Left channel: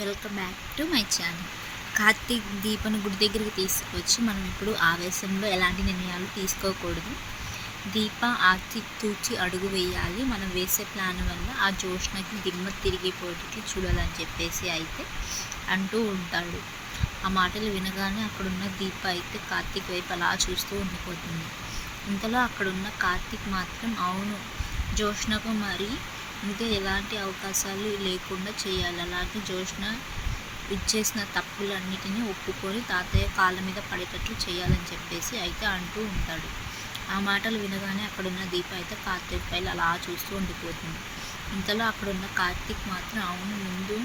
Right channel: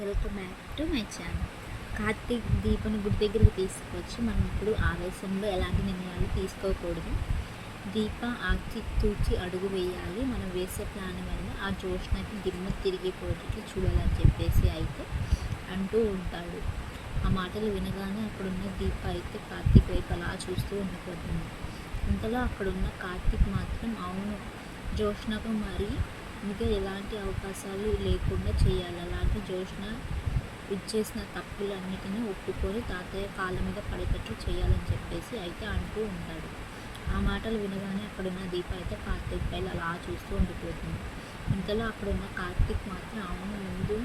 Welcome back to my channel. Karthik దీపను గుడి దగ్గరికి తీసుకొచ్చి మనం ఇప్పుడు ఆవేశంలో ఎలాంటి నిర్ణయాలు తీసుకోకూడదు. దీప ఆర్తి తూచి అడుగు వేయాలి. మనం వేసే ప్లాన్ వల్ల ఆ జోష్నకి దిమ్మ తిరిగిపోయేటట్లు చూడాలని చెప్పేసి అయితే అంటూ ఉంటాడు. ఆ మాటలు వినగానే అక్కడున్న దీప అయితే కార్తీక్ వైపు అలా చూస్తూ ఉండిపోతుంది. ఇంతలో అక్కడున్న కార్తీక్ మాత్రం అవును, జోష్నకు మరి ఇంకా ఎలాంటి అవకాశాలు లేకుండా చేయాలి. అలాగే జోష్న ఇచ్చేసిన తప్పులన్నిటినీ ఒప్పుకొని తాతయ్య కాళ్ళ మీద పడేటట్లు చేయాలని చెప్పేసి అయితే అంటూ ఉంటాడు. ఆ మాటలు వినగానే అక్కడున్న దీప అయితే కార్తీక్ పైన అలా చూస్తూ ఉండిపోతుంది. ఇంతలో అక్కడున్న కార్తీక్ మాత్రం అవును, ముందు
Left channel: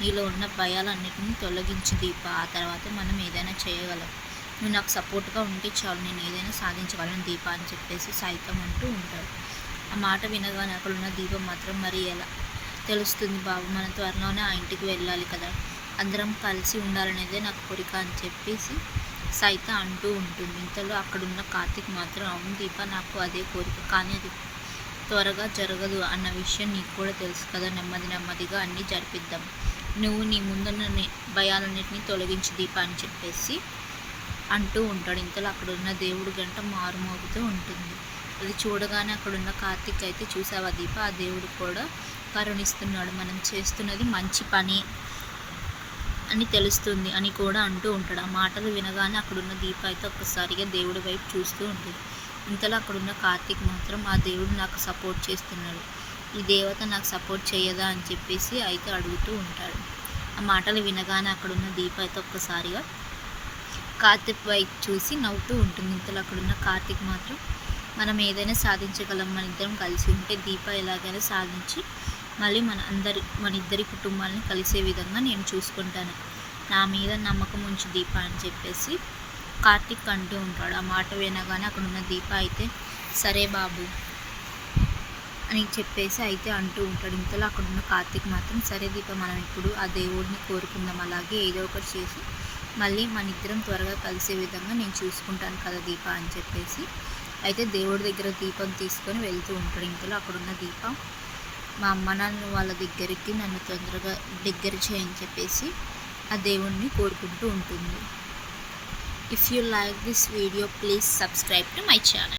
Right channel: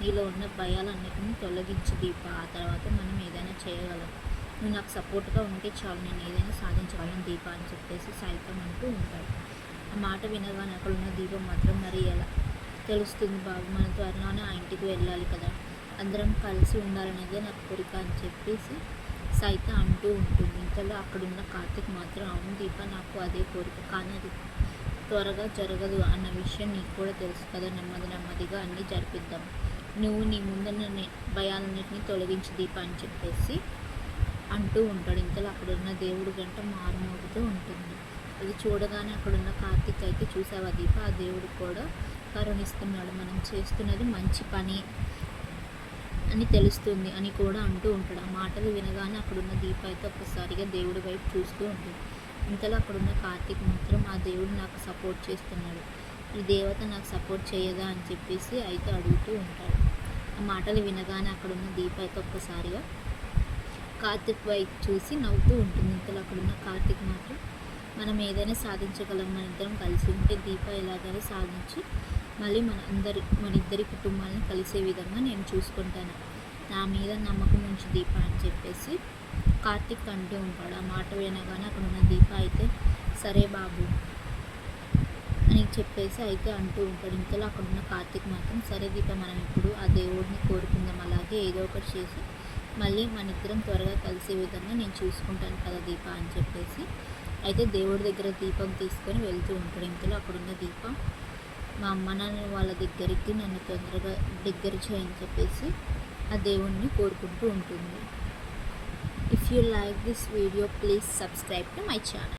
నీలో ఉన్న భయాలన్నిటినీ తొలగించి దీప, ఆ తర్వాత మనం ఏదైనా చేయగలం. నువ్వు నాకు సపోర్ట్గా ఉంటే చాలు, నేను ఏదైనా సాధించగలను దీప అని చెప్పేసి సైతం అంటూ ఉంటాడు. ఆ మాట వినగానే అక్కడున్న దీపం మాత్రం మరి ఎలా తెలుస్తుంది బాబు, మనం త్వరలోనే ఆ ఇంటికి వెళ్ళాలి కదా, అందరం కలిసి ఉండాలనేదే నాకు కోరిక అని చెప్పేసి సైత అంటూ ఉంటుంది. ఇంతలో అక్కడున్న కార్తీక్ మాత్రం అవును దీప, నాకు అదే కోరిక, కానీ అది త్వరగా జరగదు అన్న విషయం నీకు కూడా తెలుసు కదా, నెమ్మదిగా అన్నీ జరిపిద్దాం, నువ్వు నీ ముందున్న భయాలన్నింటినీ తొలగించి దీప అని చెప్పేసి అంటూ ఉంటాడు. ఇంతలో అక్కడున్న దేవుడు గంట మారుమోగుతూ ఉంటుంది. అది చూడగానే అక్కడున్న కార్తీక్ అయితే చూసావా దీప, ఆ దేవుడు కూడా కరుణిస్తున్నాడు, మనం చేస్తున్నది మంచి పని అని తెలుస్తుంది అని కూడా అంటూ ఉంటాడు. ఆ మాటలు వినగానే అక్కడున్న దీప అయితే ఒక్కసారిగా దేవుడి వైపు చూస్తూ ఉంటుంది. ఇంతలో అక్కడున్న కార్తీక్ మాత్రం ఆ దేవుడు నాకు సపోర్ట్ చేస్తున్నాడు, ఈ దేవత నాకు సపోర్ట్ చేయదా అని చెప్పేసి అయితే అడుగుతూ ఉంటాడు. ఆ మాటలు వినగానే అక్కడున్న దీప అయితే ఒక్కసారిగా కార్తీక్ వైపు చూసి నవ్వుతూ ఉంటుంది. ఇంతలో అక్కడున్న కార్తీక్ మాత్రం మనం ఏదైనా సాధించగలం, మన ఇద్దరం కలిసి ఉంటే దీప ఎలాగైనా సాధించి మళ్ళీ మన ఇద్దరి కుటుంబాలని కలిసే విధంగా నేను చూసుకుంటాను, నా మీద నమ్మకం ఉంచి దీప అని చెప్పేసి కార్తీక్ అంటూ ఉంటాడు. ఆ మాట వినగానే అక్కడున్న దీప అయితే సరే బాబు అని చెప్పేసి అయితే అంటూ ఉంటాడు. ఇంతలో అక్కడున్న కార్తీక్ మాత్రం సరే దీప, మనం ఇప్పుడు ఆ దేవుడిని కోరుకుందాం, అలాగే ఏదో ఒకటి చేసి మళ్ళీ మన ఇద్దరం త్వరగా కలిసే విధంగా నేను చూసుకుంటాను కదా దీప అని చెప్పేసి అయితే దేవుడి దగ్గర దీపం తీసుకొని వెళ్తూ ఉంటాడు. ఇంతలో అక్కడున్న దీప మా అమ్మ నాన్న వాళ్ళ దగ్గరికి నన్ను తొందరగా దగ్గర చేయని చెప్పేసి ఆ దేవుణ్ణి కోరుకుంటూ ఉంటుంది. If you like this video please subscribe to my channel.